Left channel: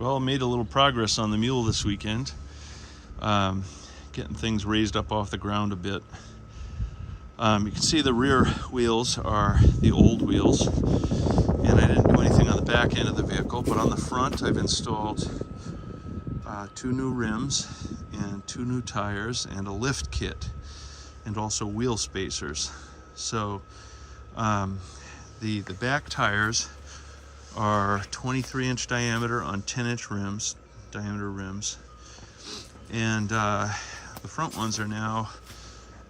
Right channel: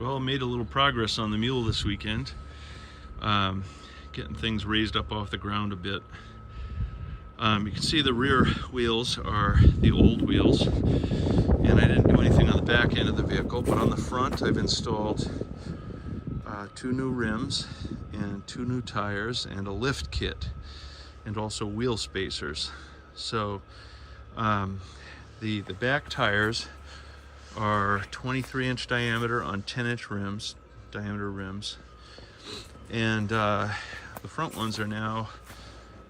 Well, made a little progress on the Mule this weekend. Getting things raised up off the ground a bit. You can see the rear wheels are the old wheels, and I didn't do anything on the back end of the vehicle, but on the front I've installed 2 new rims and 2 new tires and a lift kit and also wheel spacers. So the back tires are 23-inch diameter on 10-inch diameter rims, and the front ones are now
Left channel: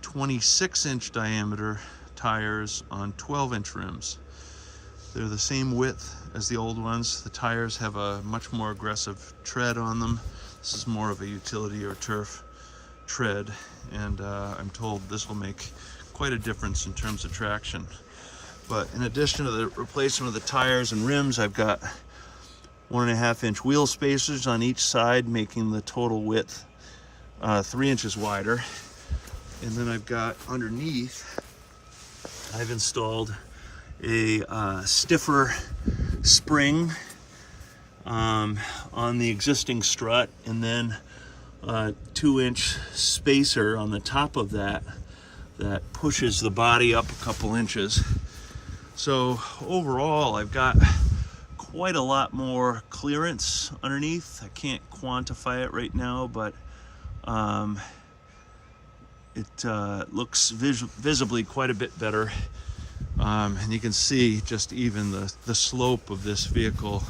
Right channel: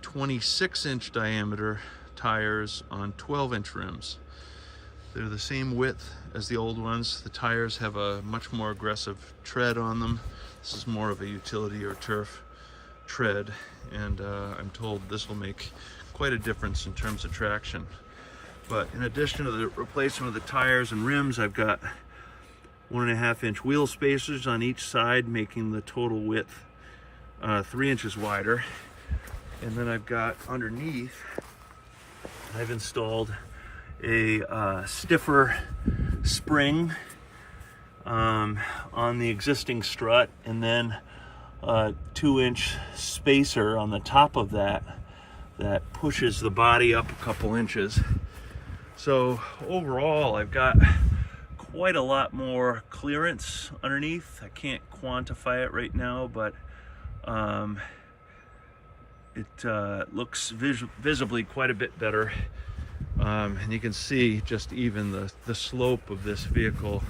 26-inch diameter tires on 12-inch rims. They're the same width as the old ones. The tires have a much more aggressive tread on them. This is more of a utility or turf tread, and I'm told this will make quite a difference in terms of traction. But in addition to the replacement of the tires and rims, I've got 1.5-inch wheel spacers on each side, making the total width 3 inches wider. And then I've got underneath, I've installed a stiffer spring on the existing strut, and then a 2-inch spacer on the top of that pushes the body up a couple inches. So overall, I've got quite a lot more clearance underneath. I can't quantify it right now, but it looks visibly quite a bit better. And you can see just even the slope of this vehicle,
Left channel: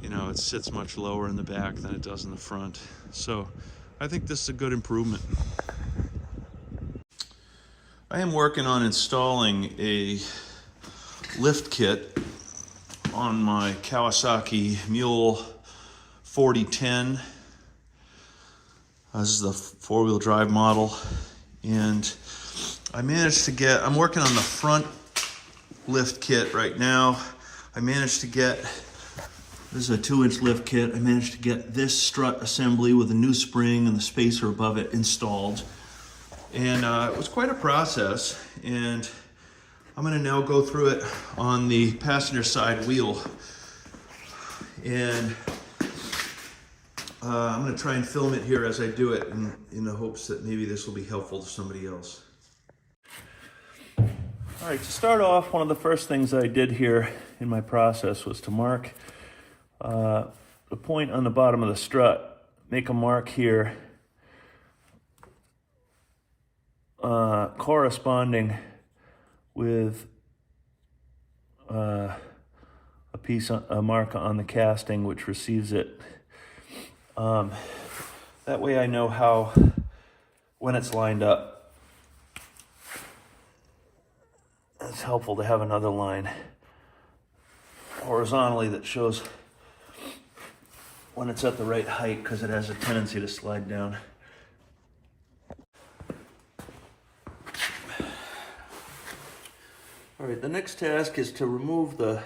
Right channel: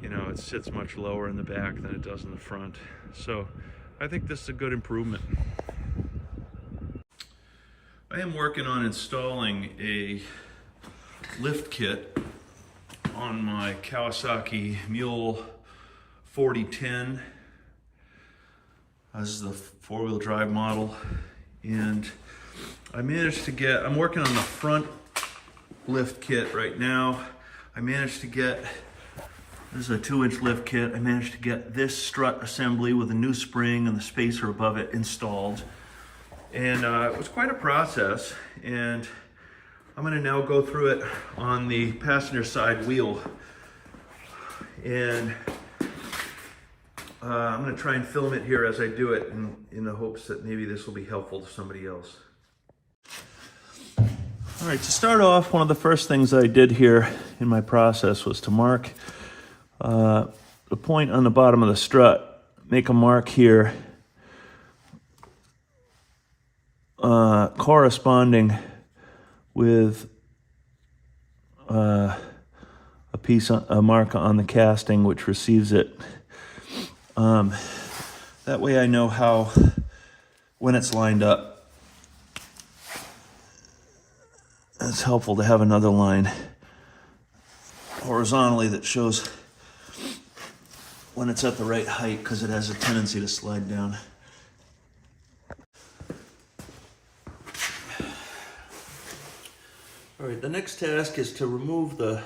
you know, it sits much lower in the back than it does in the front. So I think this is a good improvement. I am working on installing a lift kit on my Kawasaki Mule 4010. This is the 4-wheel drive model, and I'm working on the front lift kit right now. This is a 2-inch lift kit. I managed to get this strut assembly with a new spring and the spacer above it installed, and it was quite a process. And I'm going to now go through it on the passenger side wheel, and I'm going to try and film it here as I do it, in the hopes that maybe this will be helpful to somebody else. All right, to start off, one of the first things I did here in my process was to mark the point on the bottom of the strut. Make a mark here corresponding with a mark on the casting which receives it. That way I know when it's lined up. It's helpful to have another line horizontally that shows when it's at the right height, because it has a tendency to slide down. All right, the next task is to remove the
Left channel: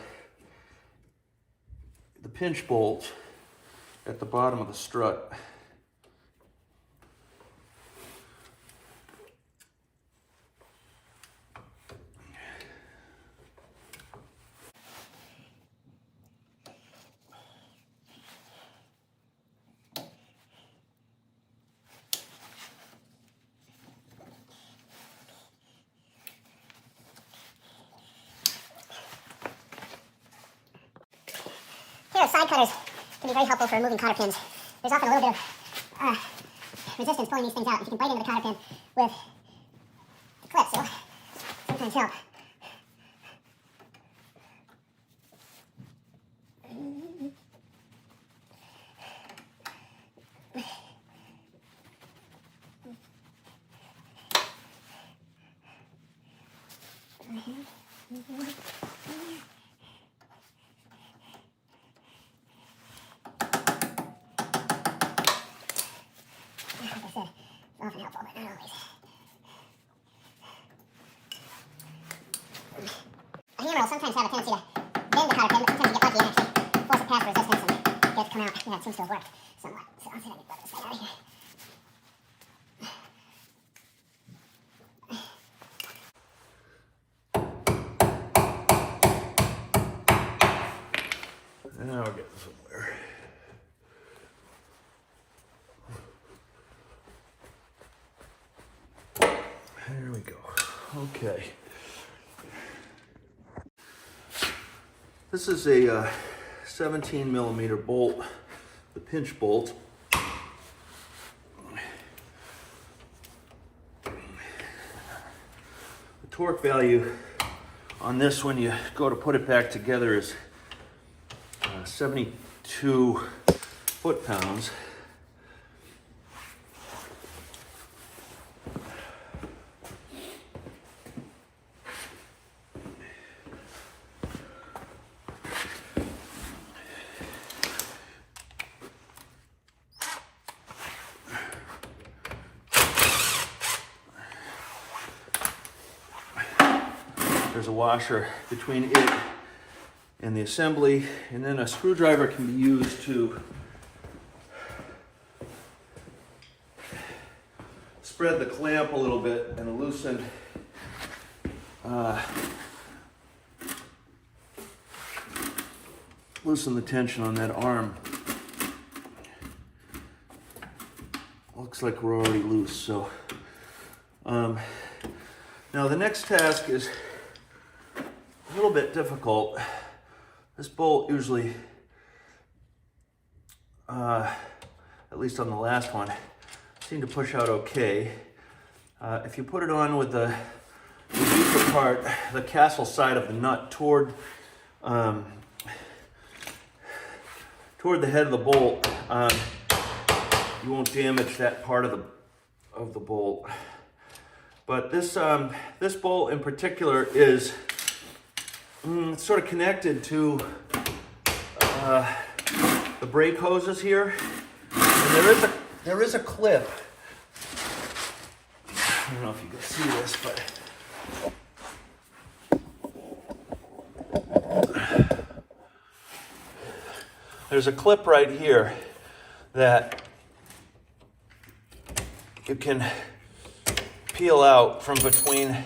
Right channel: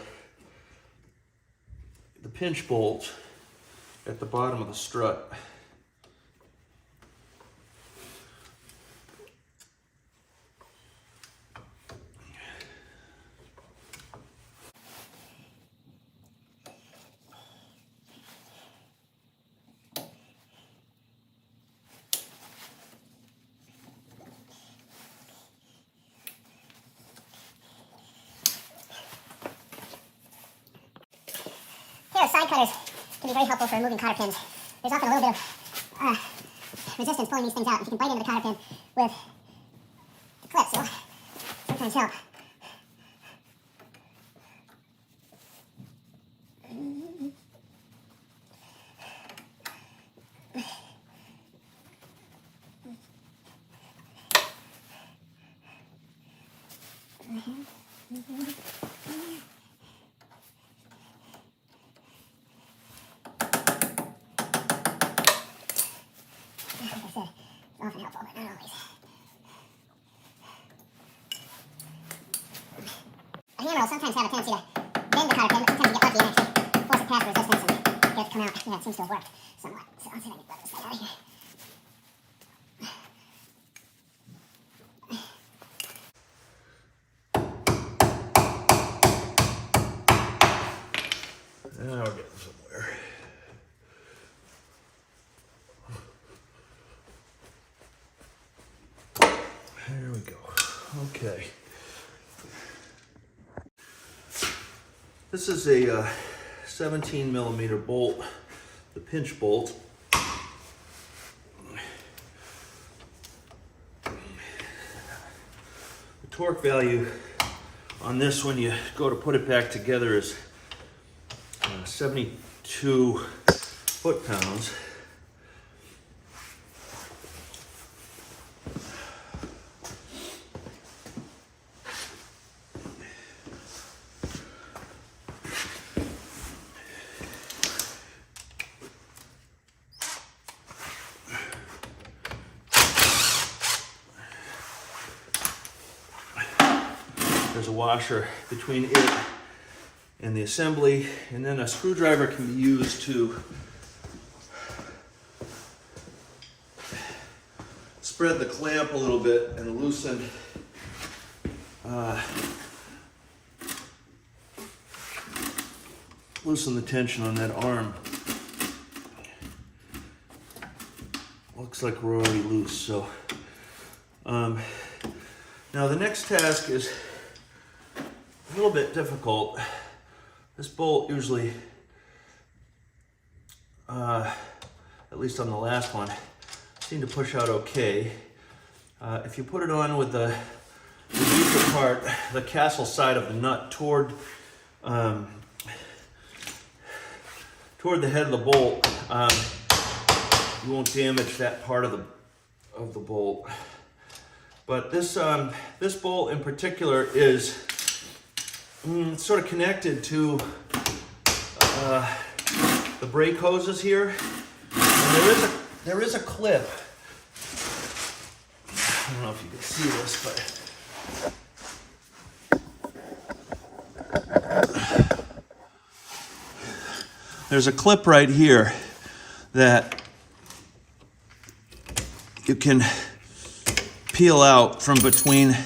pinch bolt at the bottom of the strut. Here, side cutters can be very helpful for removing cotter pins. There's often a little bit of resistance pulling these things out. If you can bite into the cotter pin with the clips, it'll sometimes help. Like I said, it's often helpful, but not always. A hammer will sometimes have a tendency to bend the cotter pin, but sometimes you get lucky and actually force it past resistance and get it to come out. Yeah, it seems to have worked somewhat. So I'll see if I can get this thing out of here. Now we're getting somewhere. Okay. This is a 17 millimeter bolt, the pinch bolt. The torque value on this when you go to put it back together is 72 foot-pounds. There's a washer between it and the assembly, and then a screwdriver can be used to spread the clamp a little bit and loosen the tension on that arm. Looks like we're already loose, so now the next task is a little bit difficult. This bolt usually, at least on the last one, seemed to push out okay. If you put it on with the deeper part, the castle side of the nut toward the head of the bolt, you won't damage that part of the bolt. But this bolt in particular is sort of connected to the brake hoses here. And there is a clip. I don't know if you can see this, but there's a clip right here that you can peel out from between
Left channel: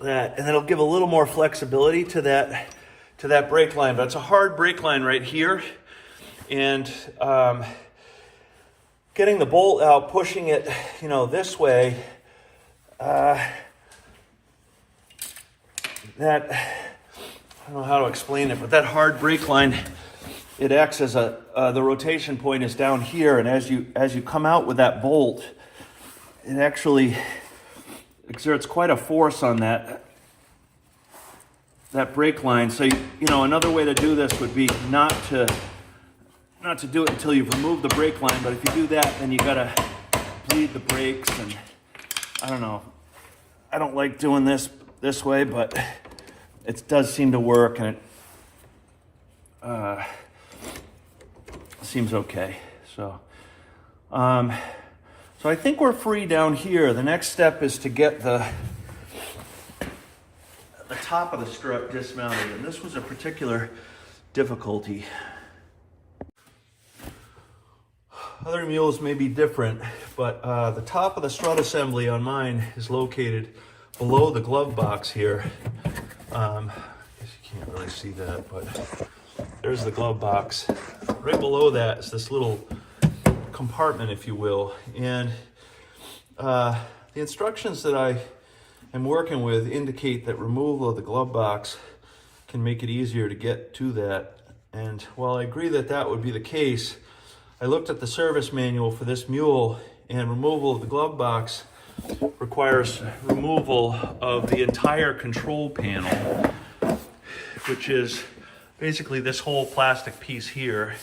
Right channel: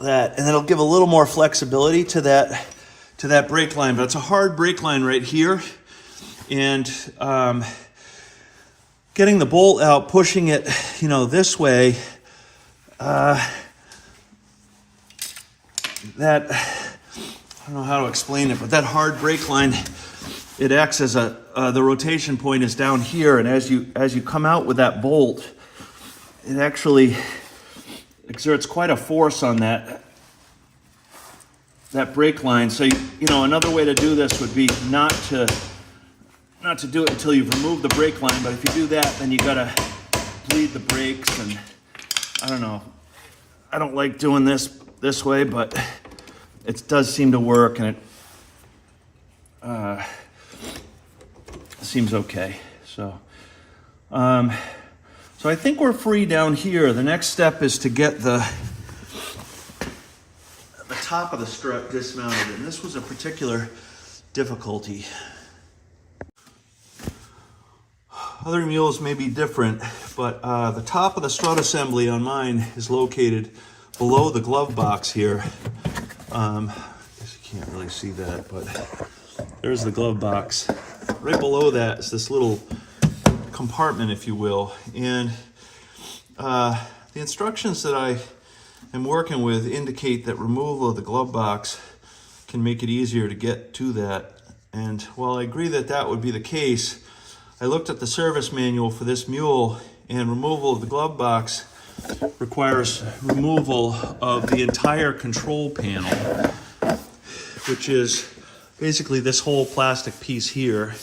that, and it'll give a little more flexibility to that brake line. But it's a hard brake line right here, and getting the bolt out, pushing it, this way, that, I don't know how to explain it, but that hard brake line, it acts as the rotation point is down here, and as you come out with that bolt, it actually exerts quite a force on that brake line. So another way to do this would be not to do it until you've removed the brake line. But if you do that, then you gotta bleed the brakes, and I don't know. I don't like doing this way, but it does seem to work, and it seems okay. So I think we're free down here. The next step is to get the top of the strut dismounted, and this was a particular difficulty. Other mules may be different, but the top of the strut assembly on mine is located below the glove box here. I guess you can't really see that, but there's the glove box. Right below that is this little compartment, if you will, and the instructions that I am working with indicate that removal of the glove box can make it easier to get to that. And while I agree that that would be the case, I looked at the service manual for this mule, and removal of the glove box requires removal of the entire control panel, which is basically this whole plastic piece here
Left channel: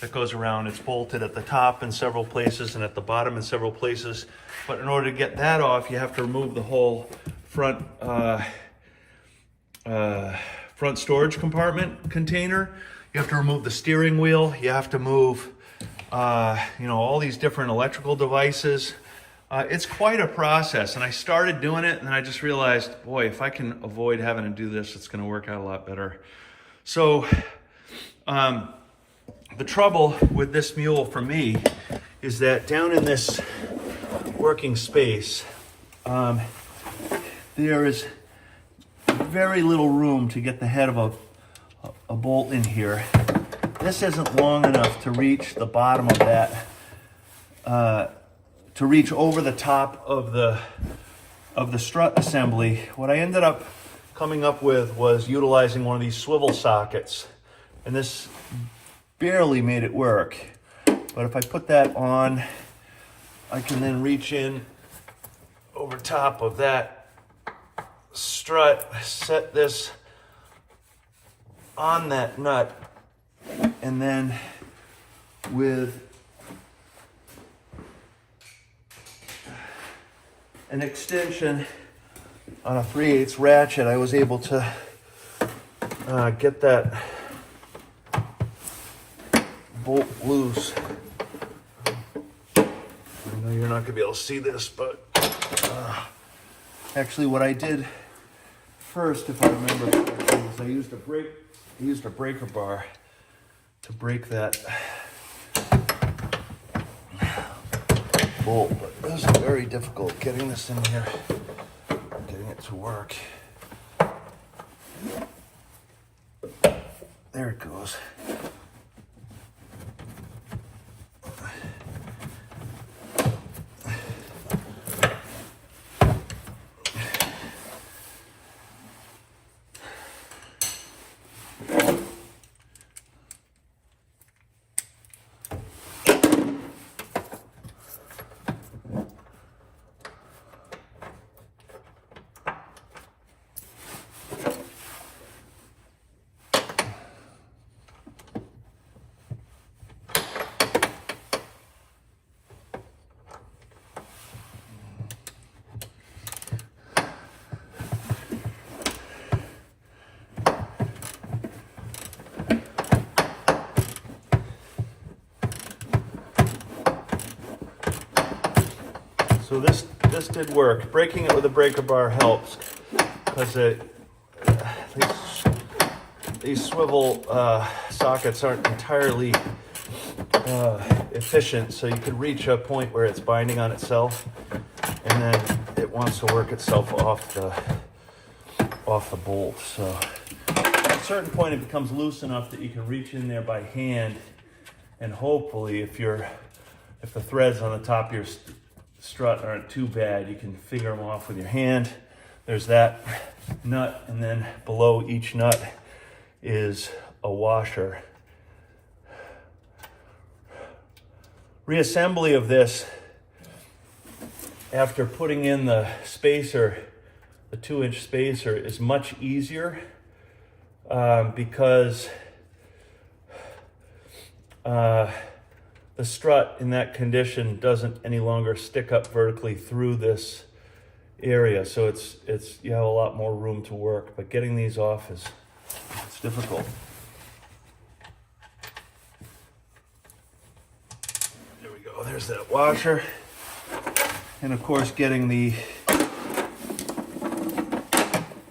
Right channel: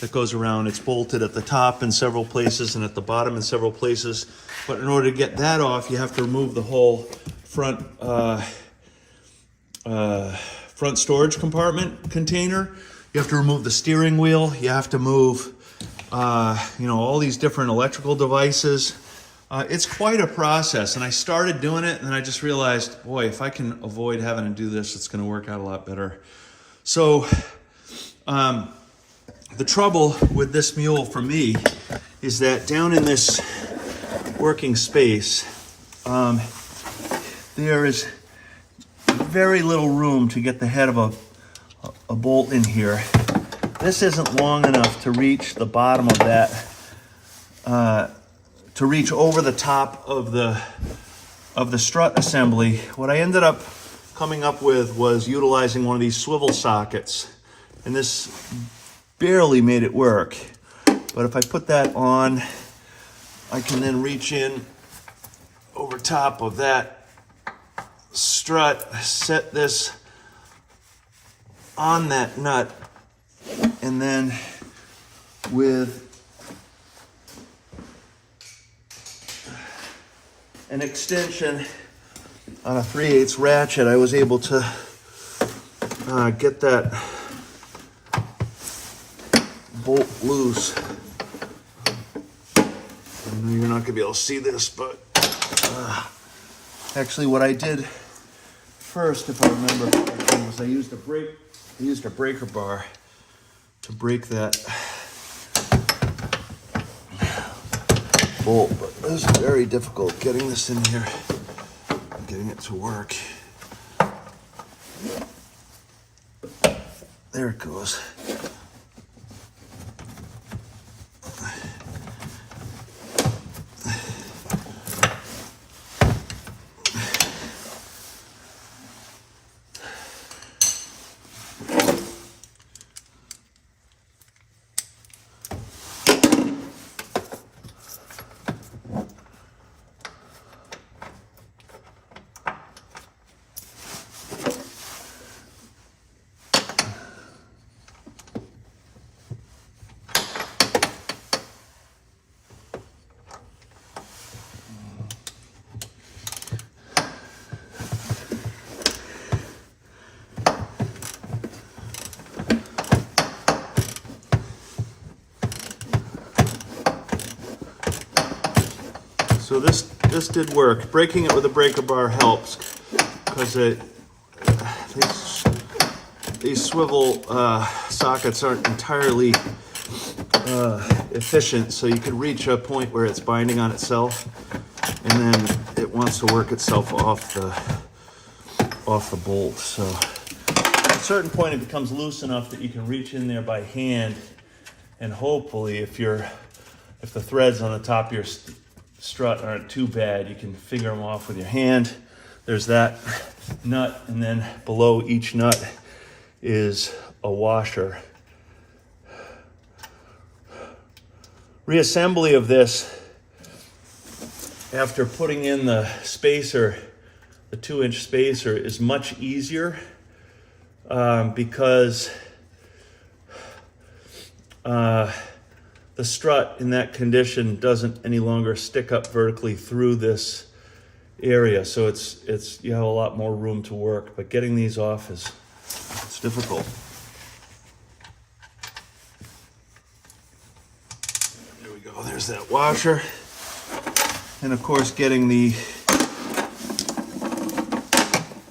that goes around. It's bolted at the top in several places and at the bottom in several places. But in order to get that off, you have to remove the whole front storage compartment container. You have to remove the steering wheel. You have to move, all these different electrical devices. It's quite a process, and I started doing it, and then I just realized, boy, if I can avoid having to do this, it's going to work out a lot better. So the trouble with this mule for me is that down in this working space, there is very little room to get the head of a bolt in here. This isn't long enough to reach the bottom of that, to reach over the top of the of the strut assembly, what I ended up coming up with was utilizing one of these swivel sockets. And this barely made it work. But if I put that on, I can then reach in over top of that strut, set this on that nut, and then with an extension on a 3/8 ratchet, I was able to get that bolt loose. I know you're not gonna be able to see this, but actually what I did first, if I remember correctly, was I used a breaker bar to break that bolt, but it was very difficult getting this in here, getting it to work. There it goes. So this did work. Breaking it with a breaker bar helps because these swivel sockets aren't entirely efficient, so you could reach a point where it's binding on itself, and then it wants to work itself off the bolt. So at a certain point, it becomes loose enough that you can reach in there by hand, and hopefully, if the threads on the top of your strut aren't too bad, you can figure them off with your hand. There's that nut, and then below each nut is a washer. Reassembly of this after putting in the spacer, the 2-inch spacer, is much easier because the strut in that condition doesn't any longer stick up vertically through this area, so it's you have a lot more room to work. But getting these off it's difficult. There we go. There's that washer, and of course, getting the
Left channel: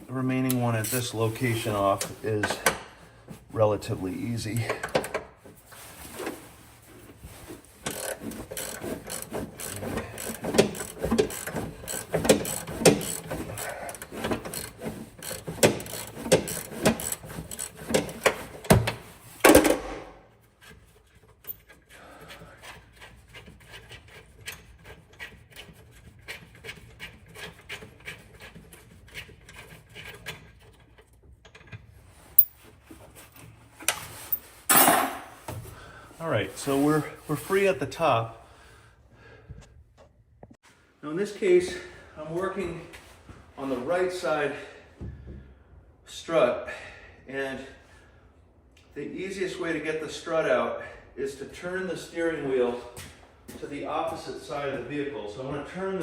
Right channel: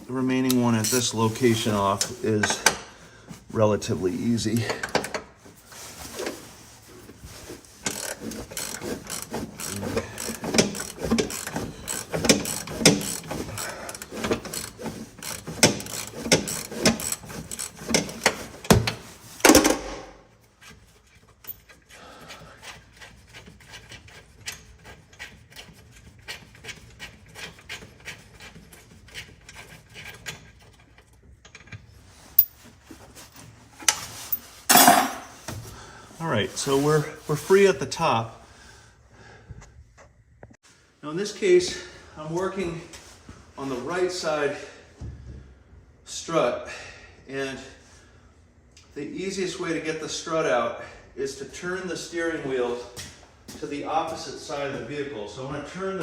remaining one at this location off is relatively easy. All right, so we're free at the top. Now in this case, I'm working on the right side strut, and the easiest way to get the strut out is to turn the steering wheel to the opposite side of the vehicle. So I'm going to turn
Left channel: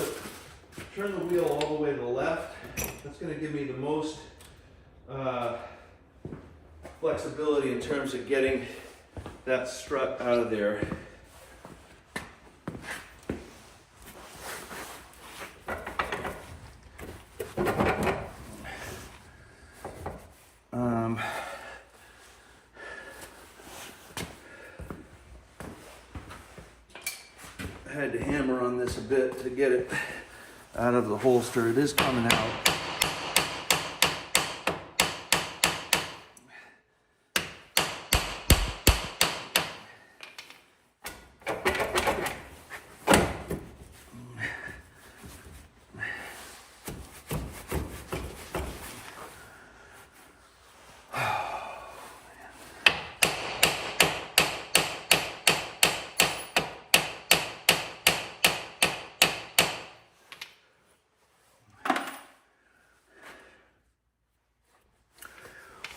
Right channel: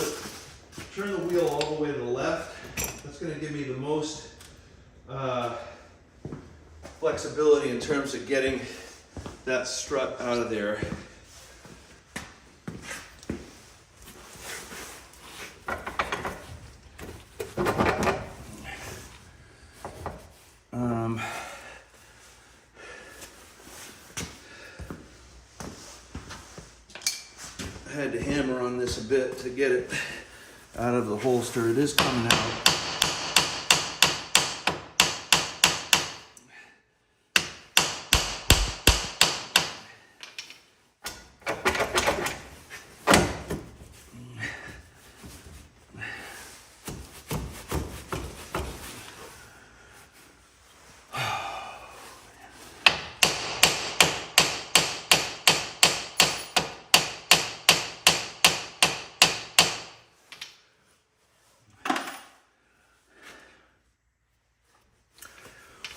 the wheel all the way to the left. That's going to give me the most flexibility in terms of getting that strut out of there. I had to hammer on this a bit to get it out of the holster. It is coming out.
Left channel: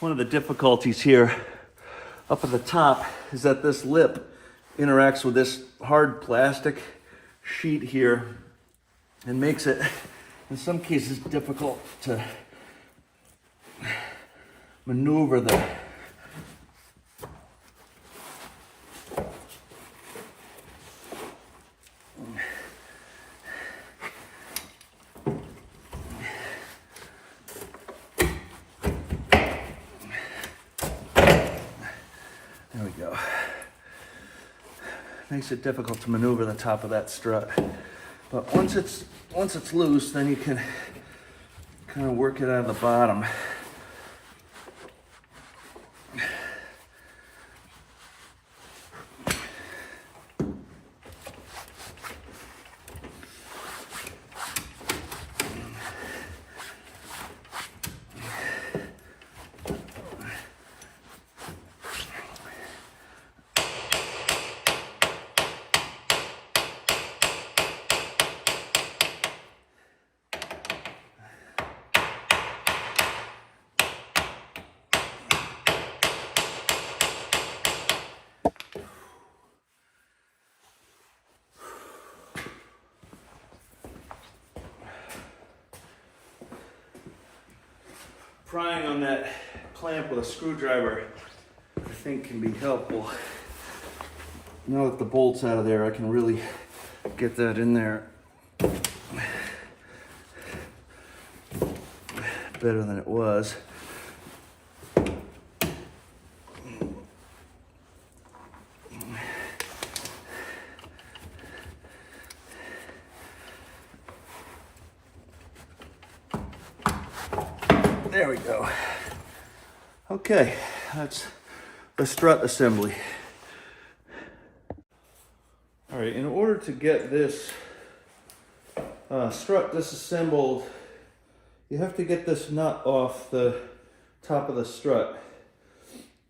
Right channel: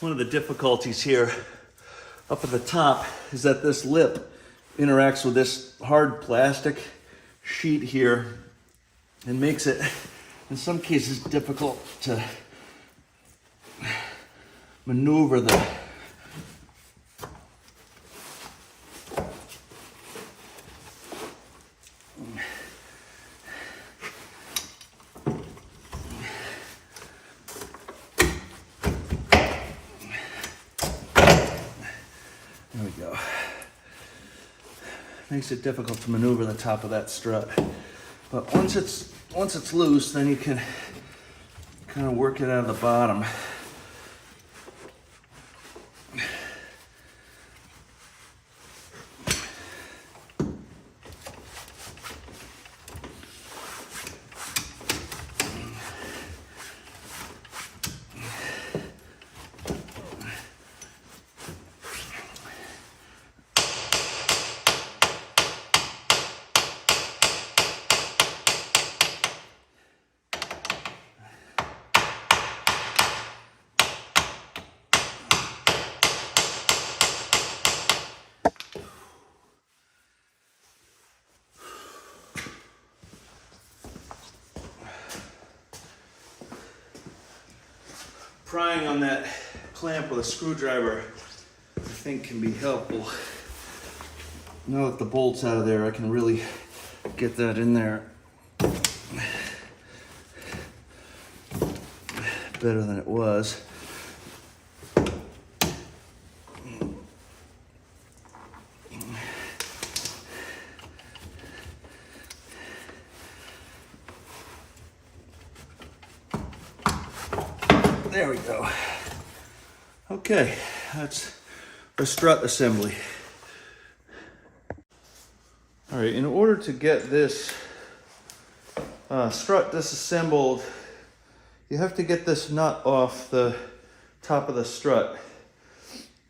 one of the difficulties here up at the top is that this lip interacts with this hard plastic sheet here and makes it, in some cases, difficult to maneuver the There we go. Makes it difficult to maneuver the top of that strut. But once it's loose, then you can kind of work it out of the bottom. Prying on that clamp with a screwdriver, I think, can be helpful. Now that the bolt's out of there, I can really get that in there better than it was. There we go. Okay, that's the strut assembly. All right, in order to get this strut disassembled, you have to get this nut off the top of the strut.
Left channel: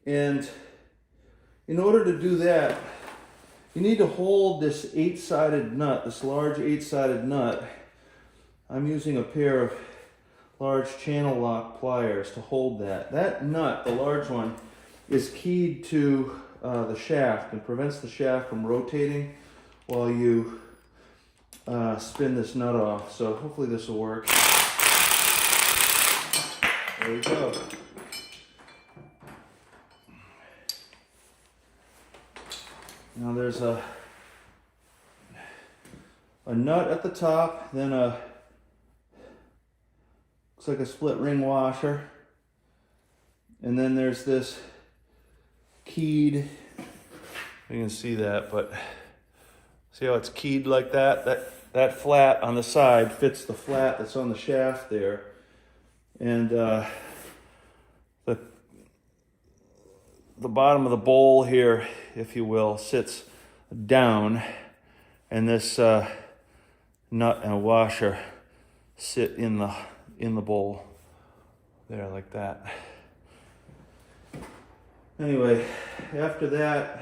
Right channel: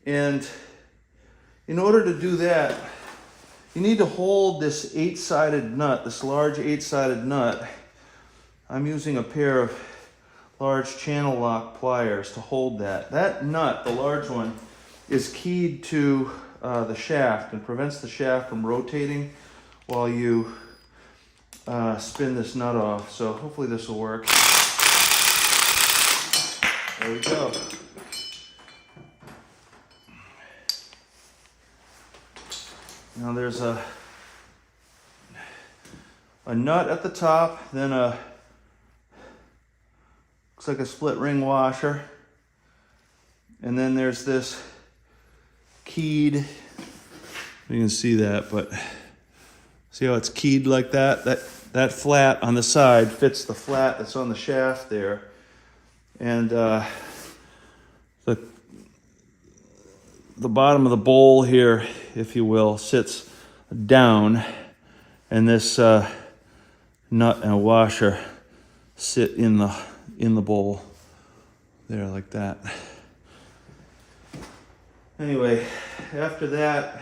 And in order to do that, you need to hold this 8-sided nut, this large 8-sided nut. I'm using a pair of large channel lock pliers to hold that. That nut, the large one, is keyed to the shaft and prevents the shaft from rotating while you spin this nut off. So hopefully this will work. There we go. Now there's a nut at the top, then looks like a split ring washer, and then there's this keyed, you can see that, but see how it's keyed like that? That flat on the side fits the flat that's on the shaft there, and the bottom of the bowl here, if you will, sits down, and this nut and washer sit in the bowl there like that. Anyway, after that,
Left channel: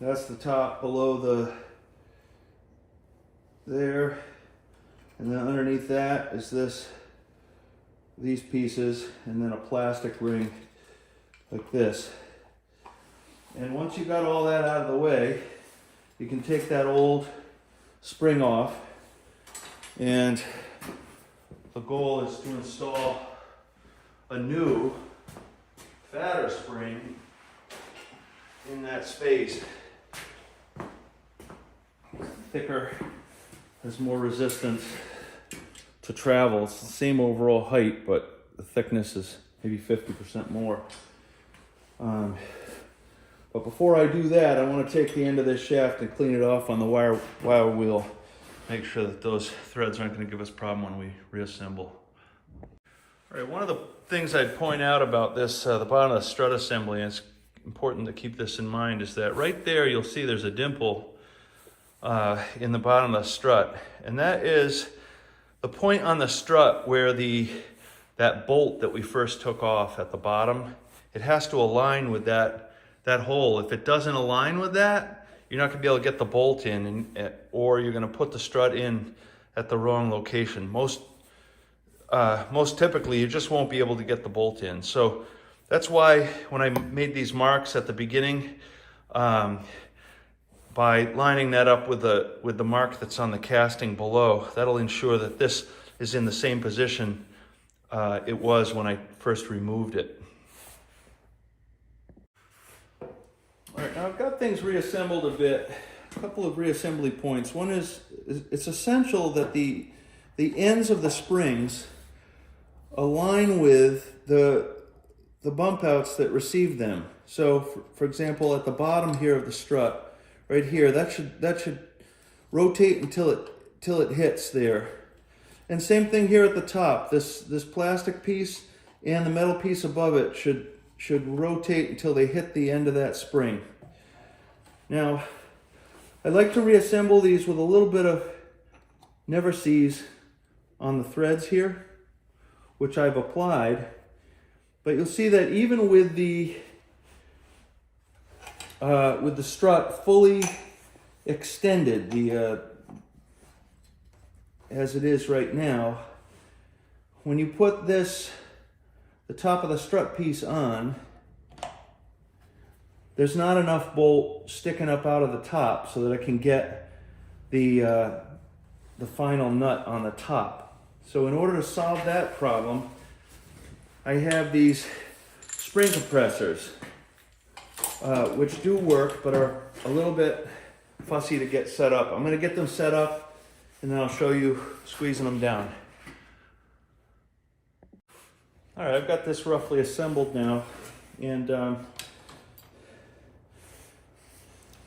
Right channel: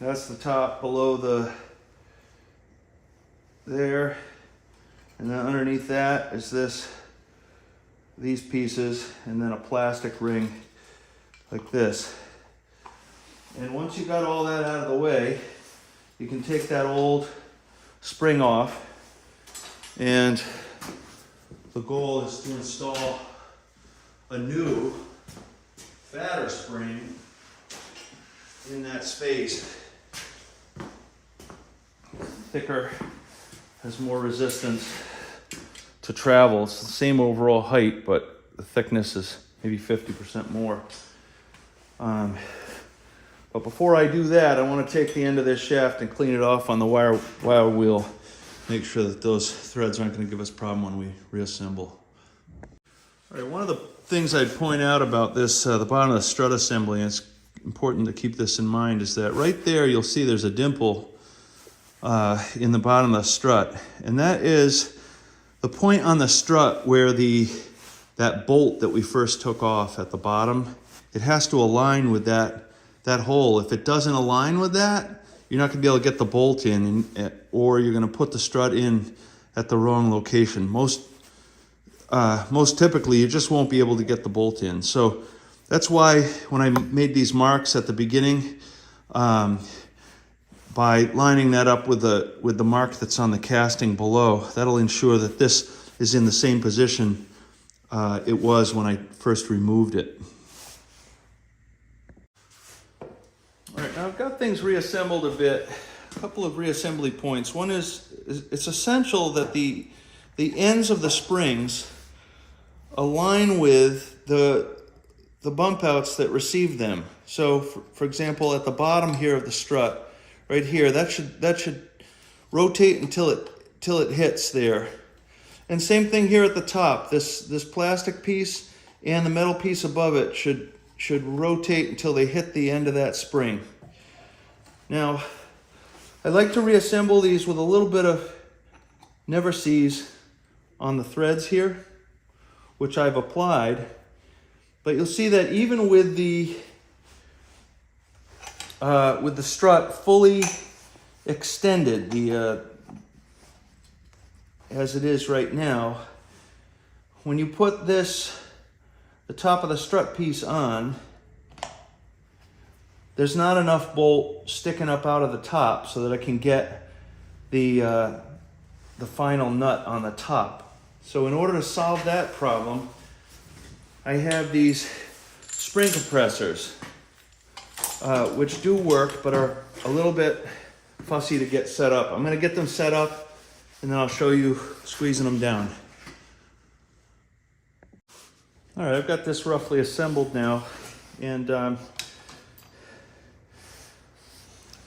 that's the top below there, and then underneath that is these pieces, and then a plastic ring like this. And once you got all that out of the way, you can take that old spring off, and the goal is to install a new, fatter spring in that space. Thicker, has more resistance to travel. It's the same overall height, but the thickness is maybe 50% more. But before I do that, I want to take the end of this shaft and clean it off on the wire wheel. Make sure that those threads aren't going to give us a problem when we reassemble. All right, one of the things I'd point out about this, the bottom of the strut assembly, and it's important to keep this in mind, is that right there you'll see there's a dimple in the bottom of the strut. And that is the point on the strut where that bolt that we first took off at the bottom, it has to align with that hole. If it doesn't align with that, you're not going to be able to get the bolt in, or you're going to put the strut in at the wrong location. Most typically, you just won't be able to get the bolt in. So that's why when I made these marks at the beginning, by lining that up with the mark that's on the casting below, that'll ensure that this is in the same position it was when I first removed it. All right, now I've got things reassembled a bit. A couple of reassembly points. One is it's essential that the ends of the springs align with the bump outs that receive them. So for example, at the bottom here of the strut, right here, that should rotate until it hits there. And same thing here at the top. This plastic piece and the metal piece above it should rotate until they hit the end of that spring. Now, I like to reassemble these with a little bit of never sees on the threads here, which I've applied. But you'll see that even with the strut fully extended, as it is right now, when you put the top of the strut piece on, there's not enough bolt sticking up out of the top so that I can get the final nut on the top. So in order to solve that problem, I have these spring compressors, which do work, but are a little bit fussy to get set up. I'm going to get them set up, and then I'll show you squeezing them down. All right, I've got this roughly assembled now, and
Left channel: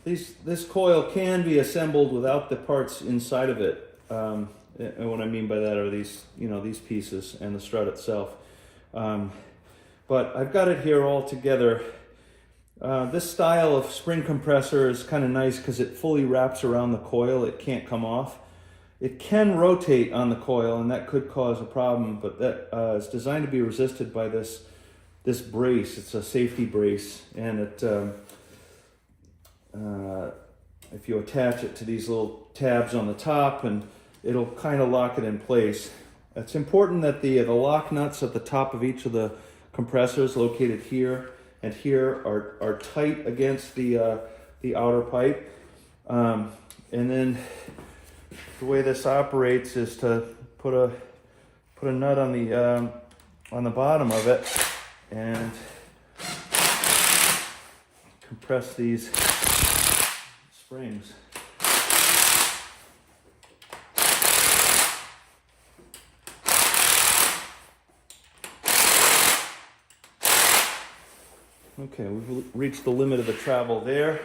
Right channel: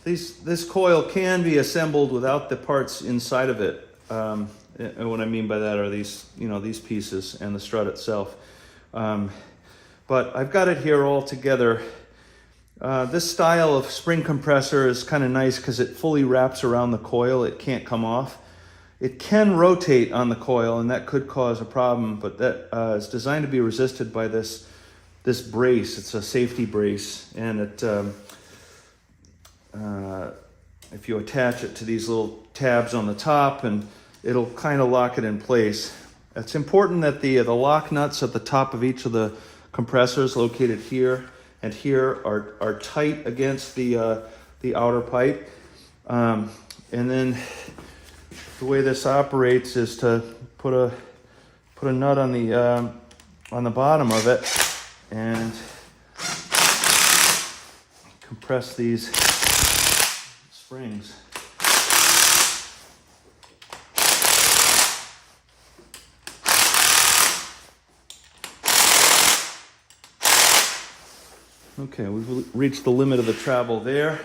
this coil can be assembled without the parts inside of it. And what I mean by that are these pieces and the strut itself. But I've got it here all together. This style of spring compressor is kind of nice because it fully wraps around the coil. It can't come off. It can rotate on the coil, and that could cause a problem, but that is designed to be resisted by this brace. It's a safety brace, and it if you attach it to these little tabs on the top, and it'll kind of lock it in place. It's important that the lock nuts at the top of each of the compressors located here and here are tight against the outer pipe. And then the way this operates is to put a nut on the bottom of it and compress these springs. Okay, we've reached the limit of the travel there,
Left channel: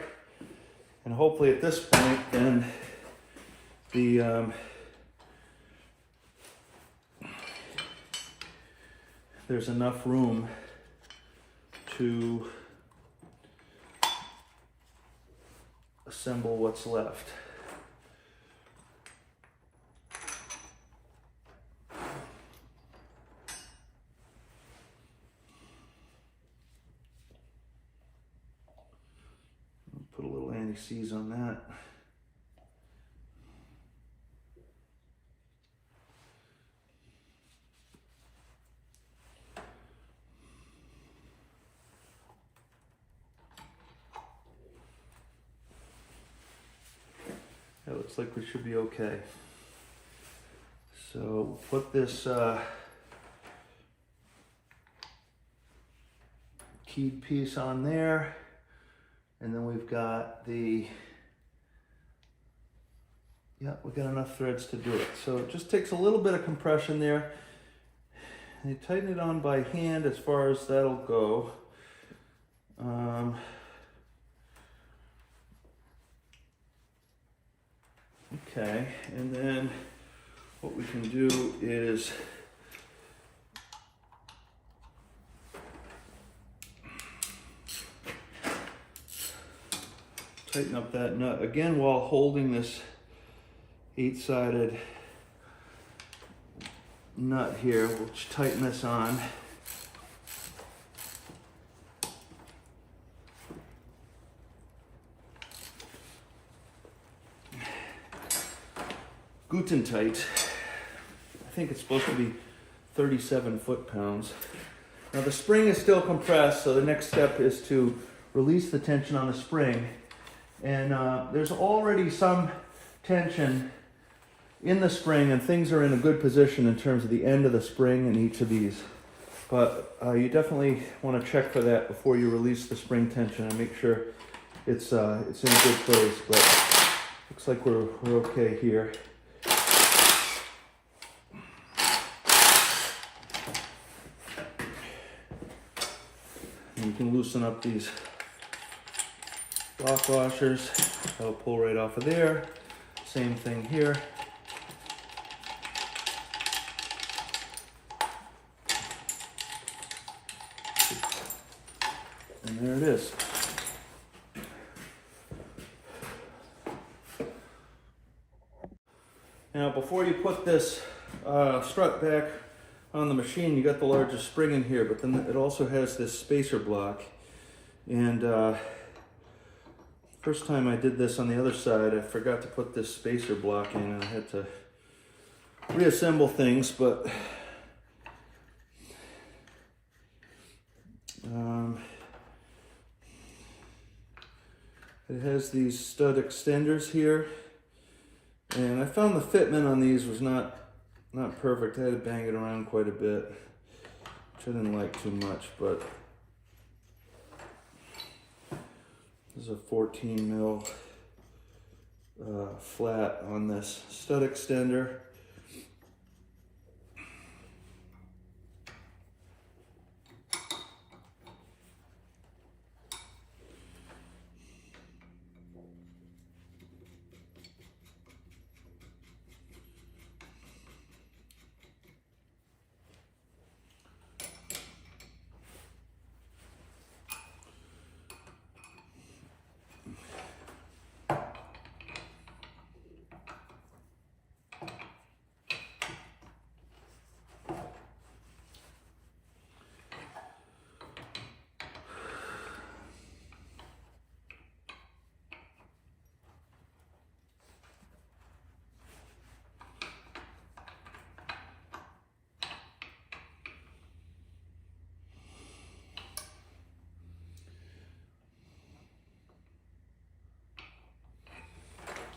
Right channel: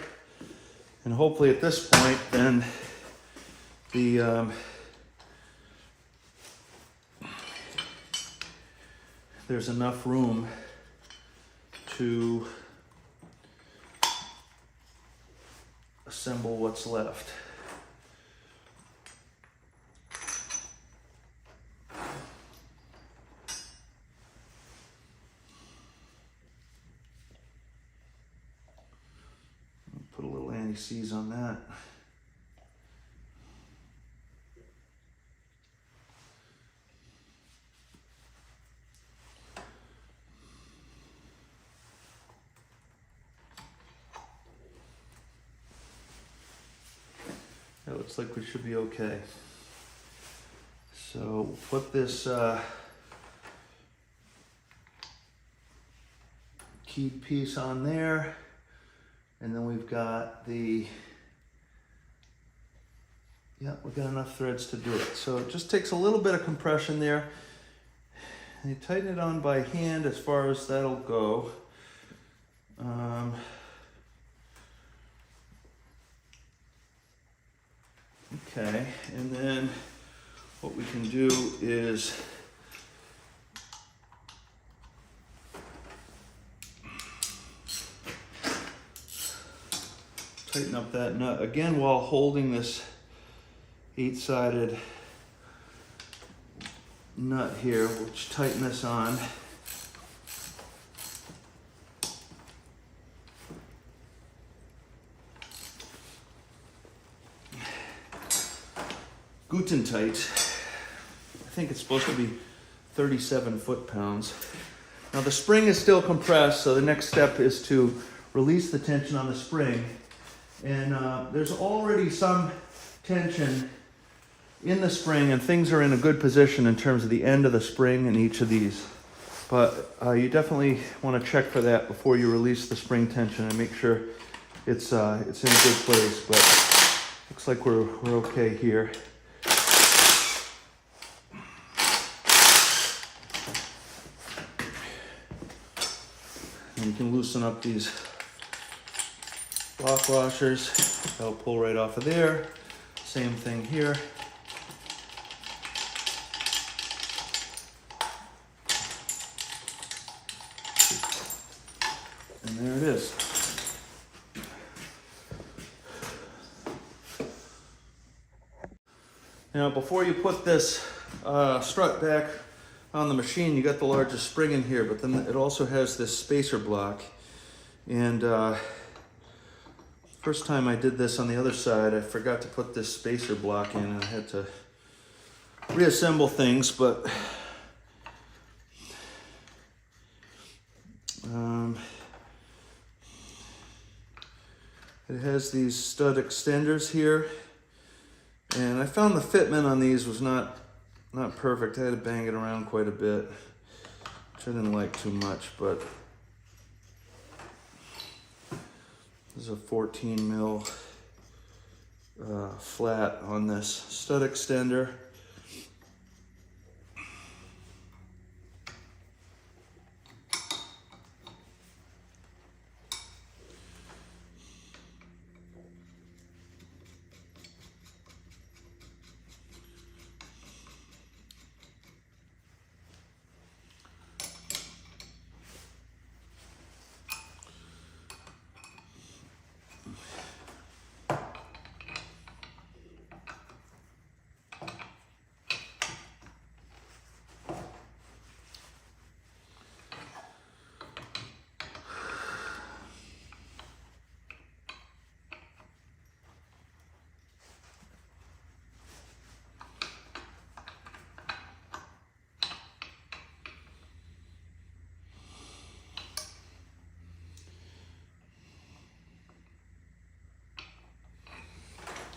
and hopefully at this point then there's enough room to assemble what's left. Put a little anti-seize on that. That looks like we should be okay. So put this keyed piece on there. And then we've got we've got enough threads to do it. So it just takes a little bit of compression there. And you tighten it on by hand as far as that'll go. Okay, and then what we can do is tighten up that nut again while holding this 8-sided nut here. We'll just tighten this on. Guten tight. I think it's supposed to be 37 foot-pounds. Now the spring is still compressed, so the next step is to release the tension on the spring. And there's already some tension in the spring, and things are in a good position in terms of the end of the spring in each of these. But you definitely want to check for that before you release the spring tension and make sure it's in a good place. But looks like we're okay here. And you can loosen up these block washers. That'll pull right off of there. Same thing here. And there it is. Now, before you put this strut back on the machine, you got the largest spring in here, but then it also has this spacer block. And first time I did this on the other side, I forgot to put this spacer block in, and I had to reassemble things, but it has these stud extenders here, and I found the fitment on these was not perfect. I had to bang it around quite a bit, which I didn't like too much, but this is a 14 mil flat on this stud extender.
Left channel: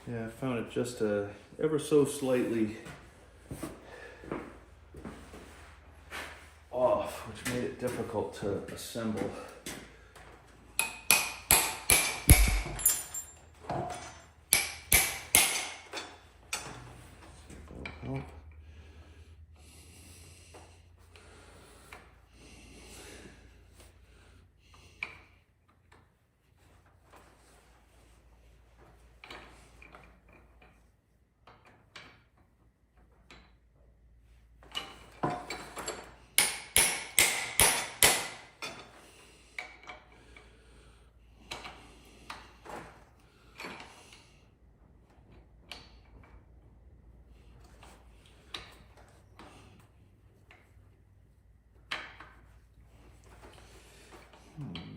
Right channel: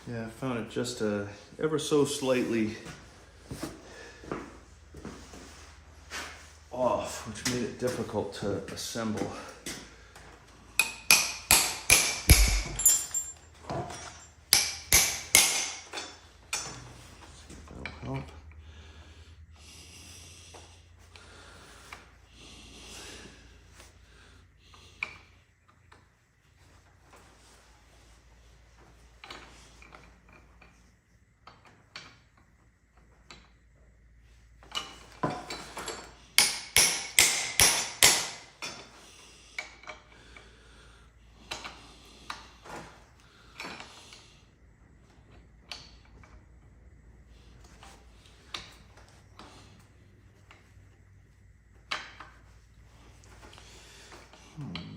Yeah, I found it just ever so slightly off, which made it difficult to assemble. See if that'll help.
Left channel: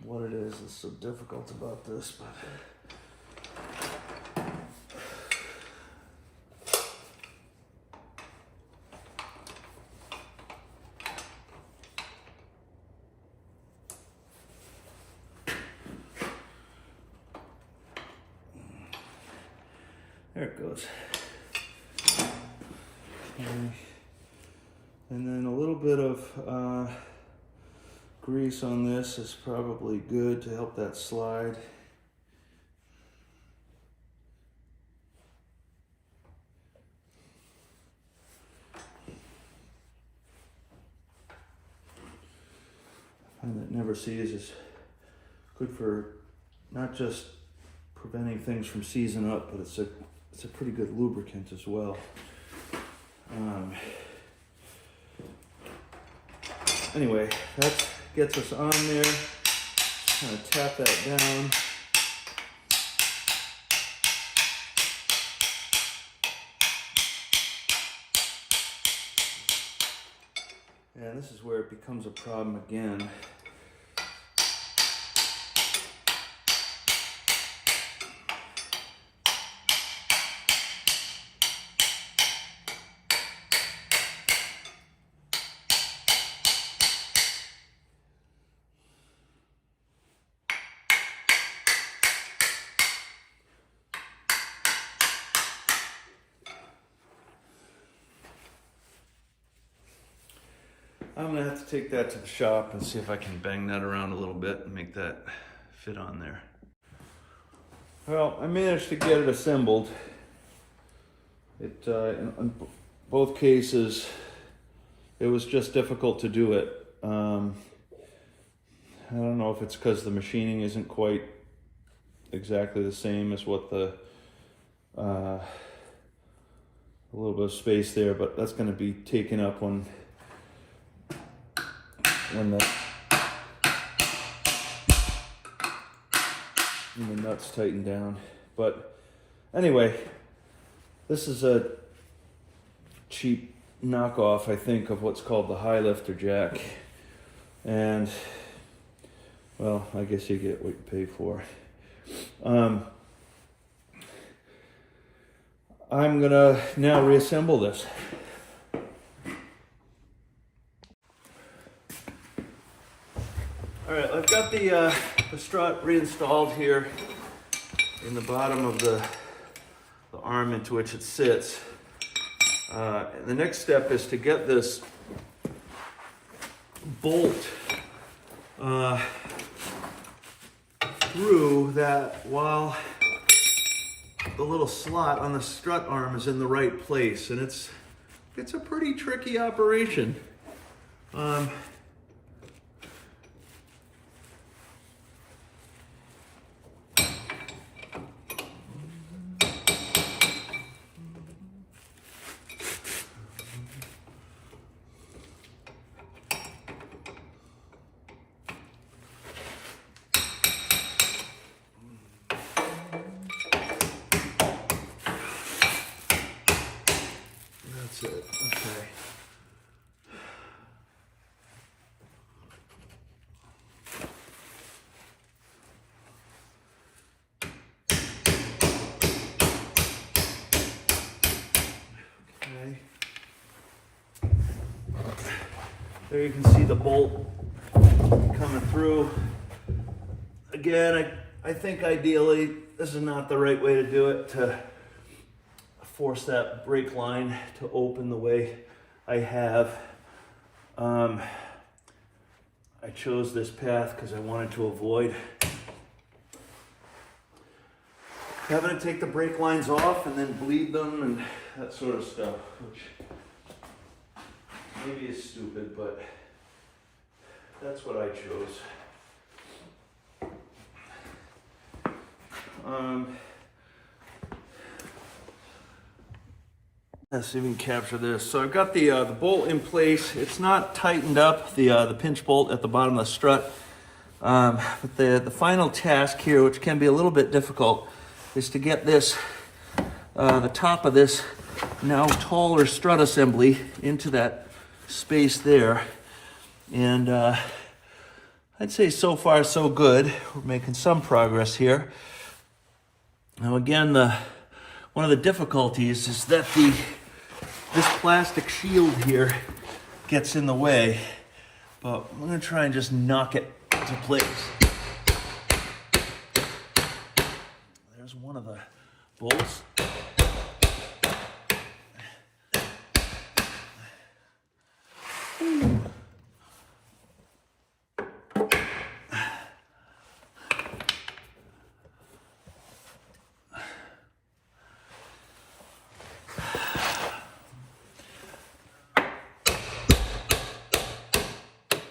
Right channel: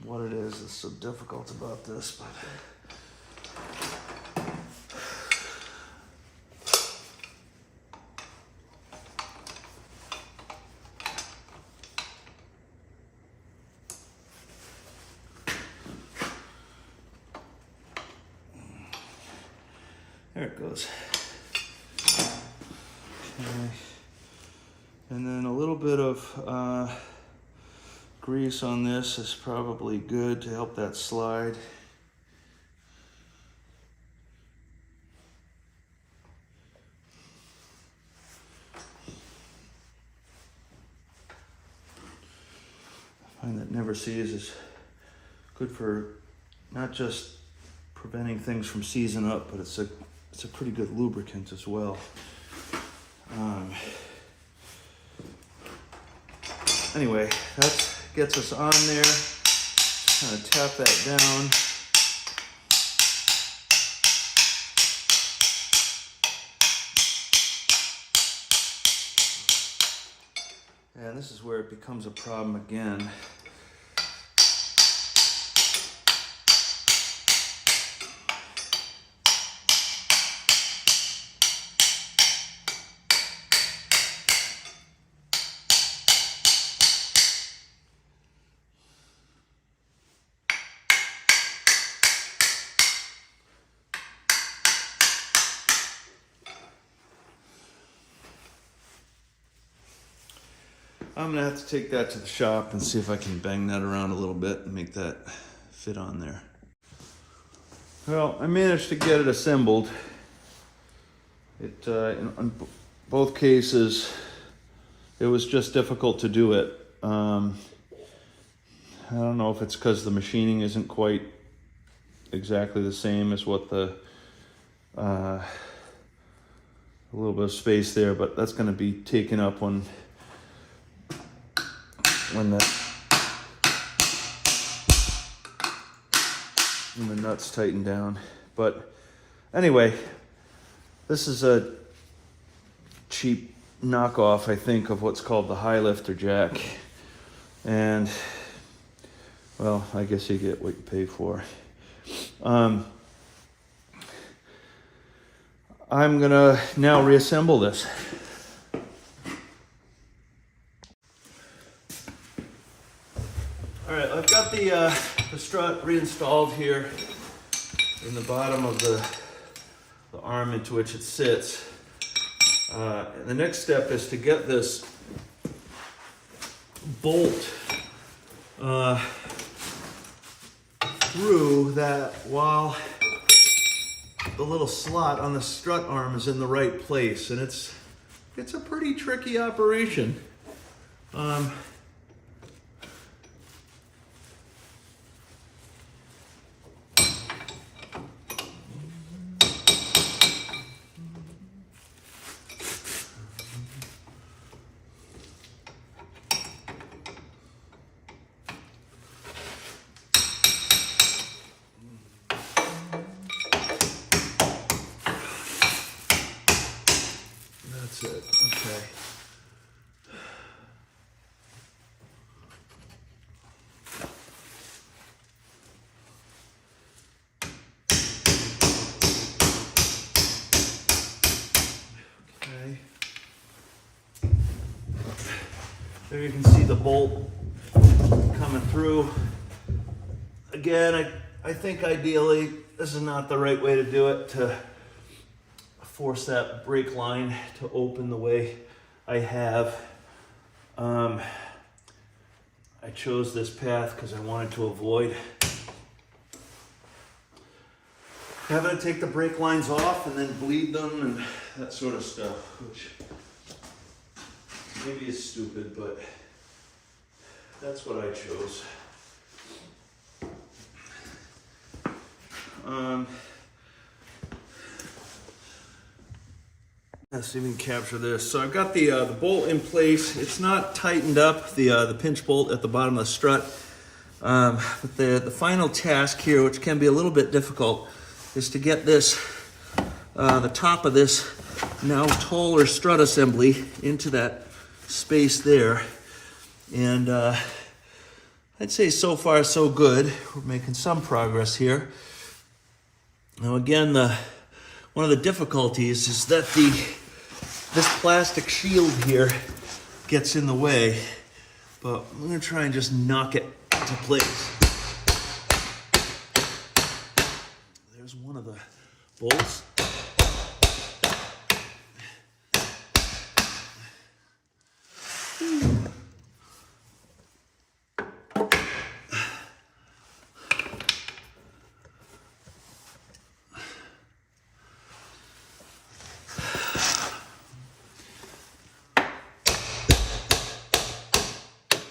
What it is that's so difficult about this, but there it goes. Okay. And then a little bit of grease on this is probably good to help that slide. I find that never seize is good for not just preventing things from seizing up, but it's a pretty good lubricant as well. Anyway, that gets us on there. Kind of tap that down. And this is where it becomes a problem again. I'm gonna have to take that to the shop and see if I can bang that around a little bit and make that fit on there. Well, I managed to get it assembled. In both cases, it was just difficult to do it. I don't know if it's because the machining isn't quite exactly the same as what a little bit of space there, but that's going to be taken up when the nuts tighten down. But anyway, this is a cheap knockoff, I think, of what's called the high lifter jack. And, well, I guess you get what you pay for. I'm gonna now reassemble this. All right, I've got the strut reinstalled here in the bottom of the arm into which it sits. The next step is to get this bolt through that while the little slot on the strut arm is in the right place, and it's a pretty tricky operation. That's it. Okay. Okay. There you can see the bolt coming through. Again, I think ideally this is not the right way to do it, to force that brake line to open the way I have. I chose this path because I wanted to avoid having to take the brake lines off and then bleed them and that sort of stuff, which maybe is stupid, but that's what I chose. Let's see if we can capture this. So I've got the bolt in place. It's not tightened up, the pinch bolt at the bottom of the strut. But the final task here, which can be a little bit difficult, is to get this, the top of this now taller strut assembly into that space there. And I'd say so far so good. We're making some progress here. Now again, one of the difficulties is that this plastic shield here gets in the way, but I'm gonna try and just knock it into place. There's one of the bolts.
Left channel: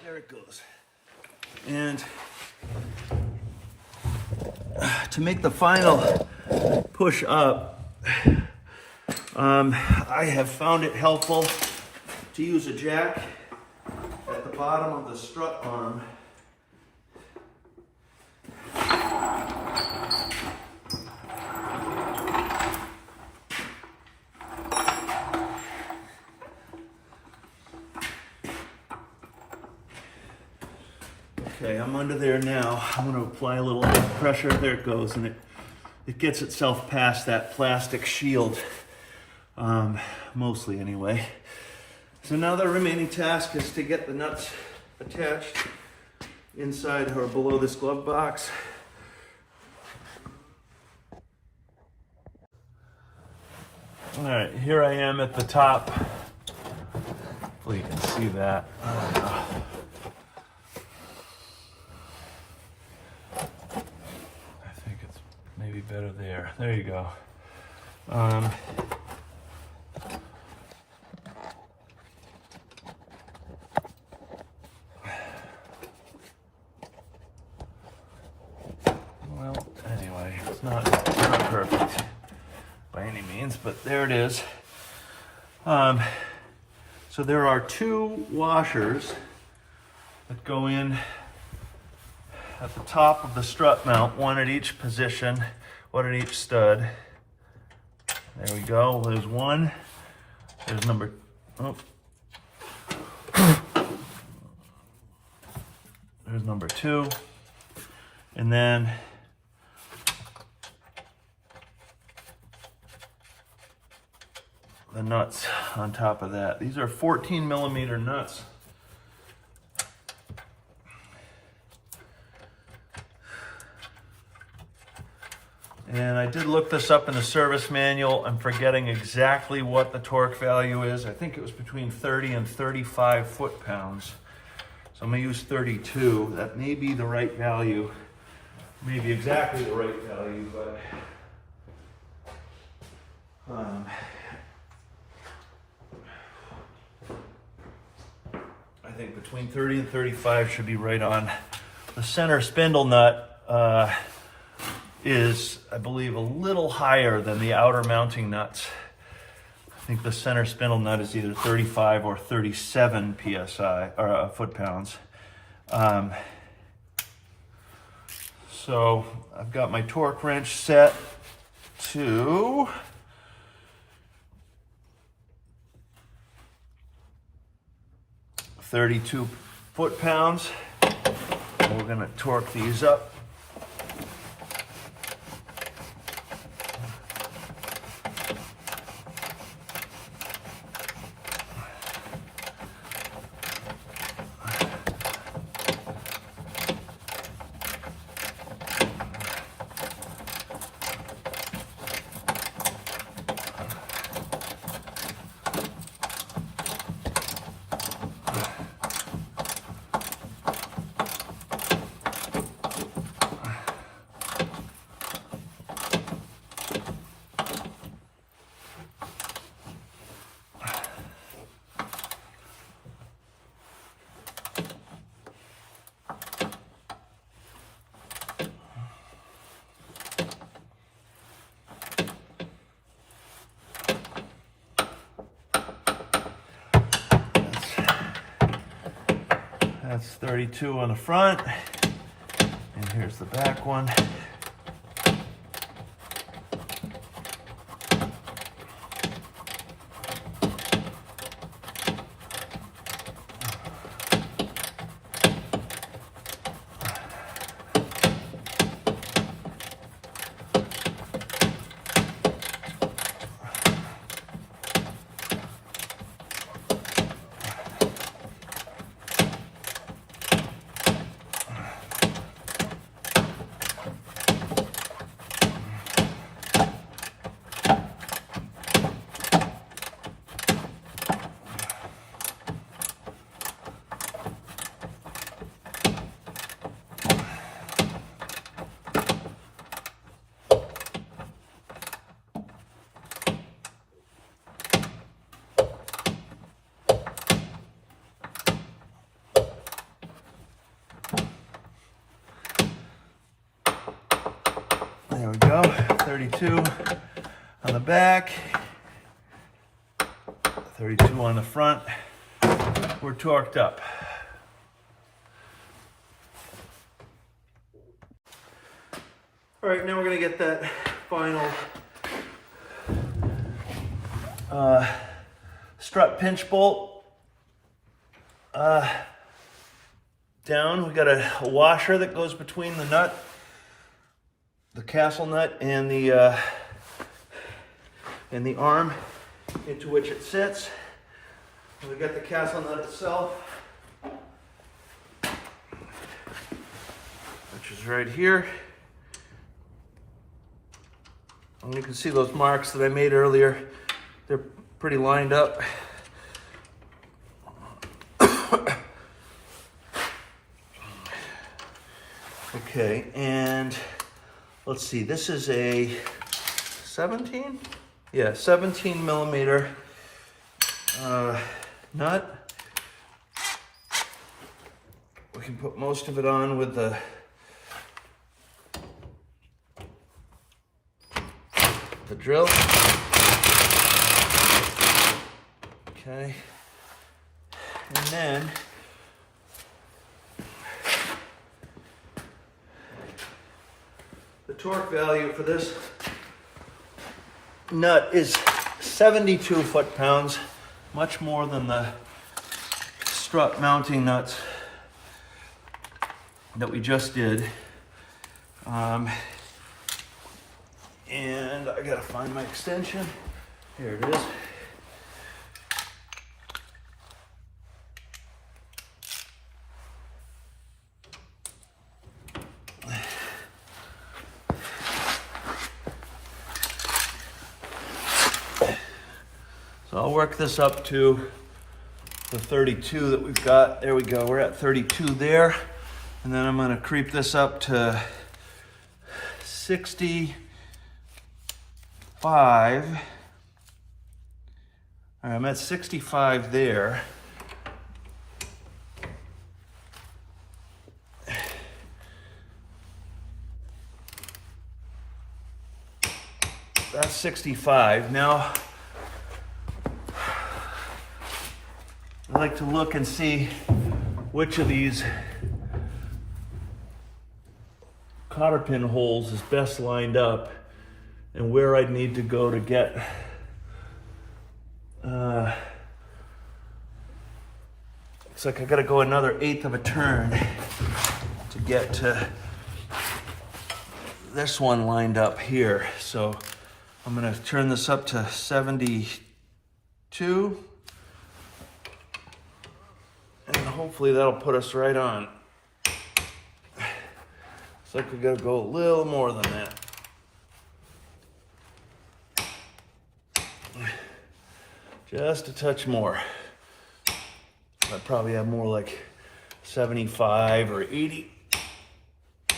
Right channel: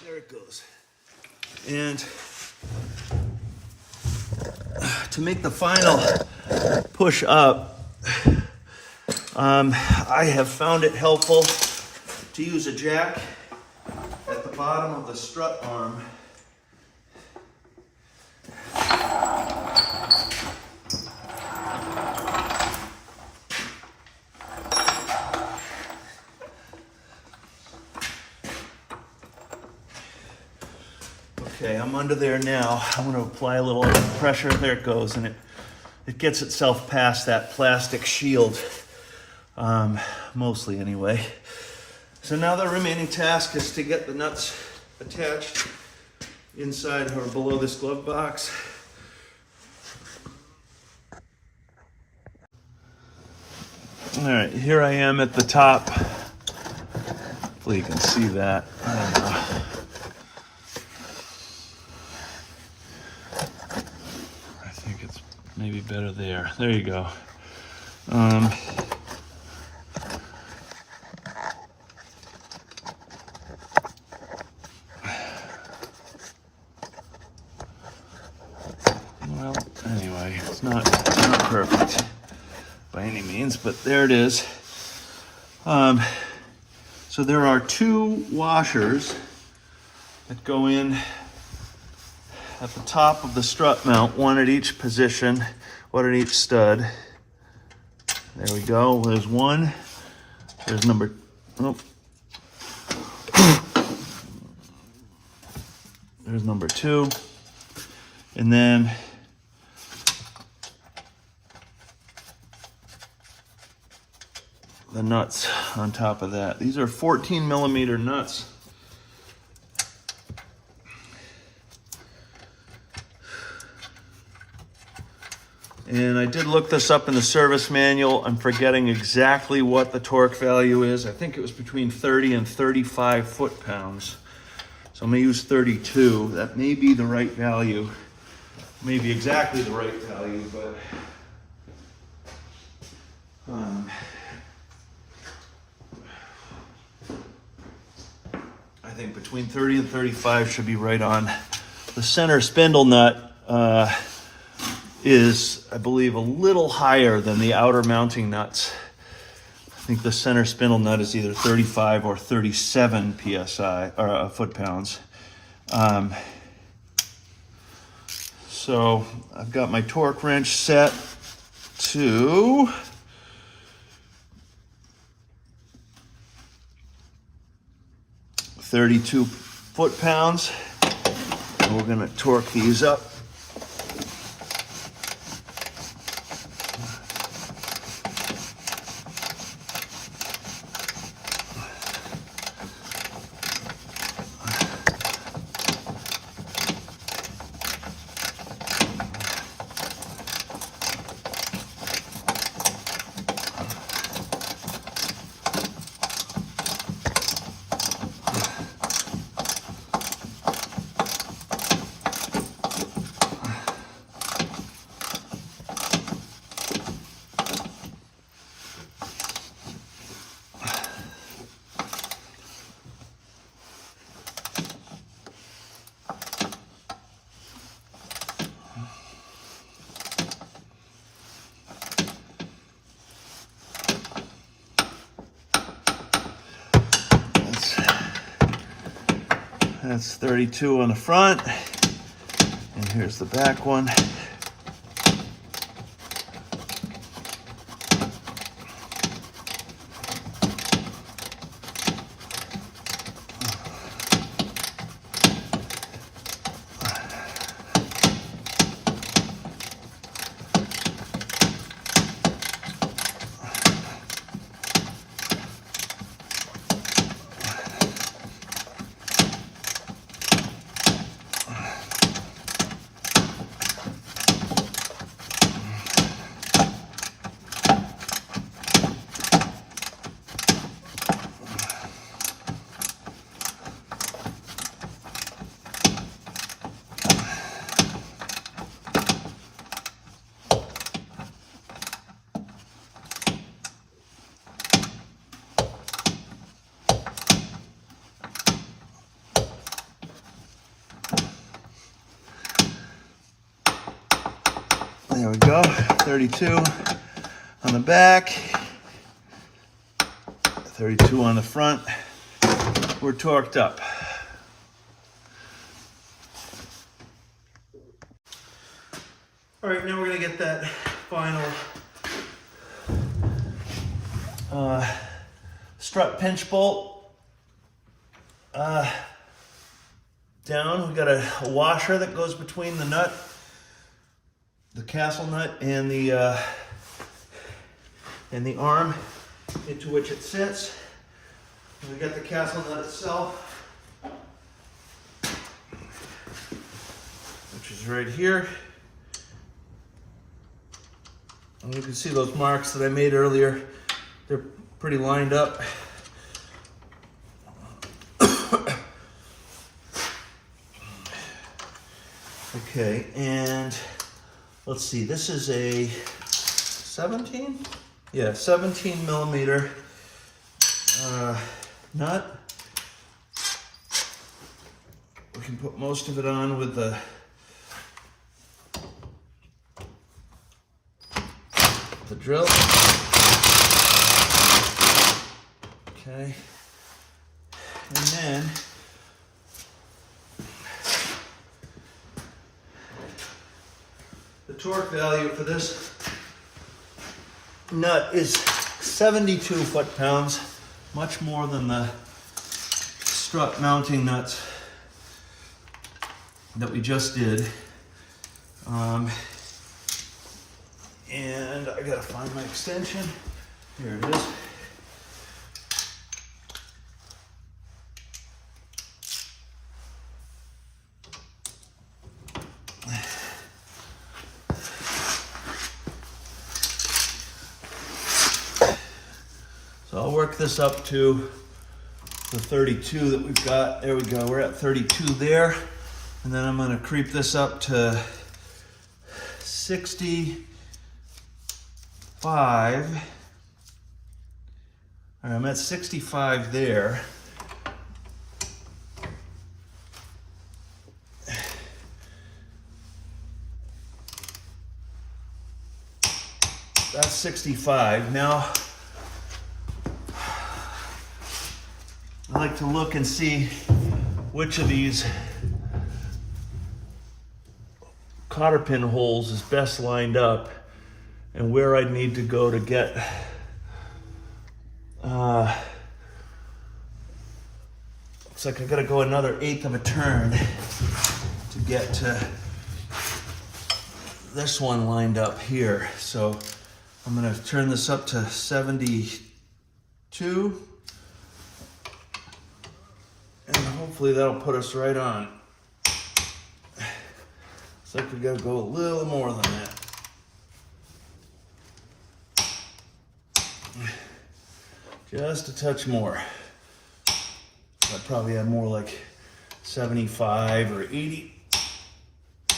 There it goes. And to make the final push up, I have found it helpful to use a jack at the bottom of the strut arm. Okay, I'm under there now. I'm going to apply a little pressure. There it goes, and it gets itself past that plastic shield, mostly anyway. So now the remaining task is to get the nuts attached inside or below this glove box. All right, here I am at the top Hopefully you can see that. I think it's maybe better there. There you go. Well, anyway, it's not perfect by any means, but there it is. So there are two washers that go in at the top of the strut mount, one at each position, one at each stud. There we go. There's one. There's number. Oh. There's number two. And then the nuts on top of that. These are 14 millimeter nuts. And I did look this up in the service manual. I'm forgetting exactly what the torque value is. I think it was between 30 and 35 foot-pounds. So I'm gonna use 32. That may be the right value. Maybe exactly the right value, but I think between 30 and 35 should be right on. The center spindle nut is, I believe, a little higher than the outer mounting nuts. I think the center spindle nut is either 35 or 37 psi or foot-pounds. So I've got my torque wrench set to 32 foot-pounds. We're gonna torque these up. That's 32 on the front, and here's the back one. There we go, 32 on the back, 32 on the front. We're torqued up. All right, now we're gonna get that final strut pinch bolt down. We've got a washer that goes between the nut, the castle nut, and the arm into which it sits. And we've got the castle nut itself, which is right here. And you can see those marks that I made earlier. They're pretty lined up. Okay, and let's see, this is a 17? Yeah, 17 millimeter nut. We can put most of it on with the drill. Okay, and then the torque value for this nut is 72 foot-pounds, much more than the strut mounting nuts that we just did. And I gotta find my extension. Here it is. So I'll work this up to the 32 that we've got. There we go, we're at 32 there. And then I'm gonna creep this up to 65. All right, I'm at 65 there. That's 65. Now, I like to look and see which of these cotter pin holes is best lined up and where I'd need to go to get looks like I gotta go another 1/8 of a turn to get to this one lined up here. So I'm gonna turn this up to 72 and hopefully that'll put us right on. Looks like we gotta go a little more than that. Just a touch more. I'd probably have more like 75 or 80. I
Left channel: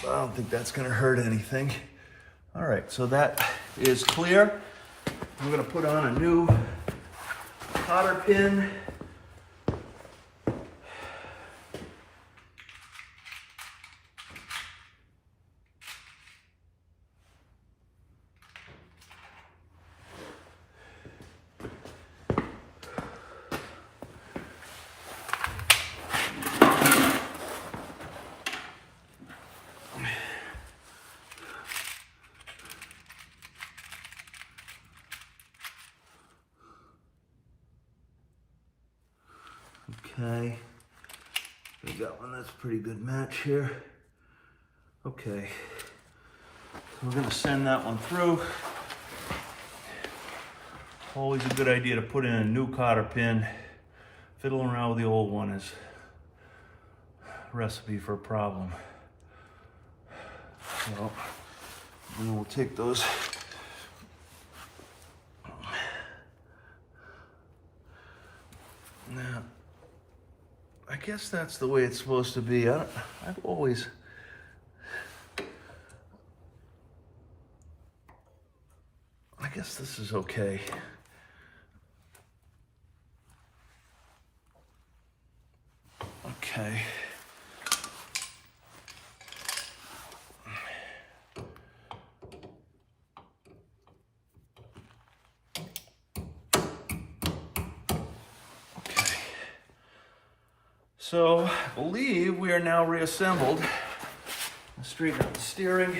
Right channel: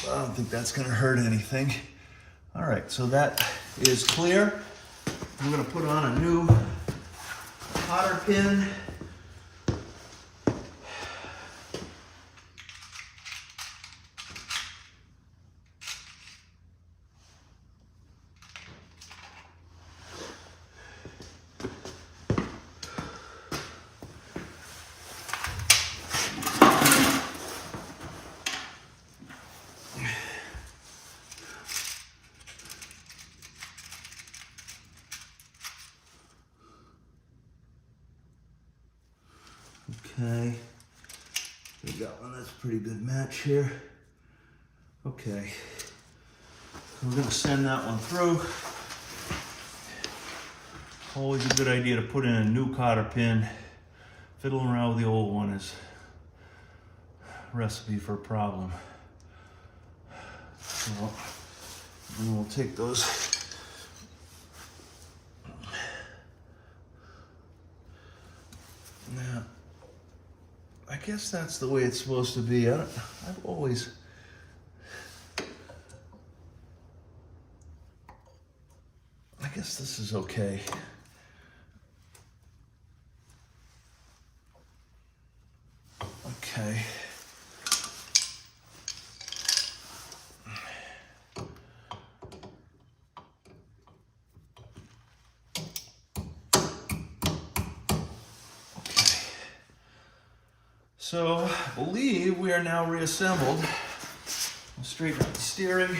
don't think that's gonna hurt anything. All right, so that is clear. I'm gonna put on a new cotter pin. Okay, we got one that's a pretty good match here. Okay, so we're gonna send that one through. Always a good idea to put in a new cotter pin. Fiddling around with the old one is a recipe for a problem. So, we'll take those. Now, I guess that's the way it's supposed to be. I've always, I guess this is okay. Okay. So I believe we are now reassembled. I'll straighten out the steering.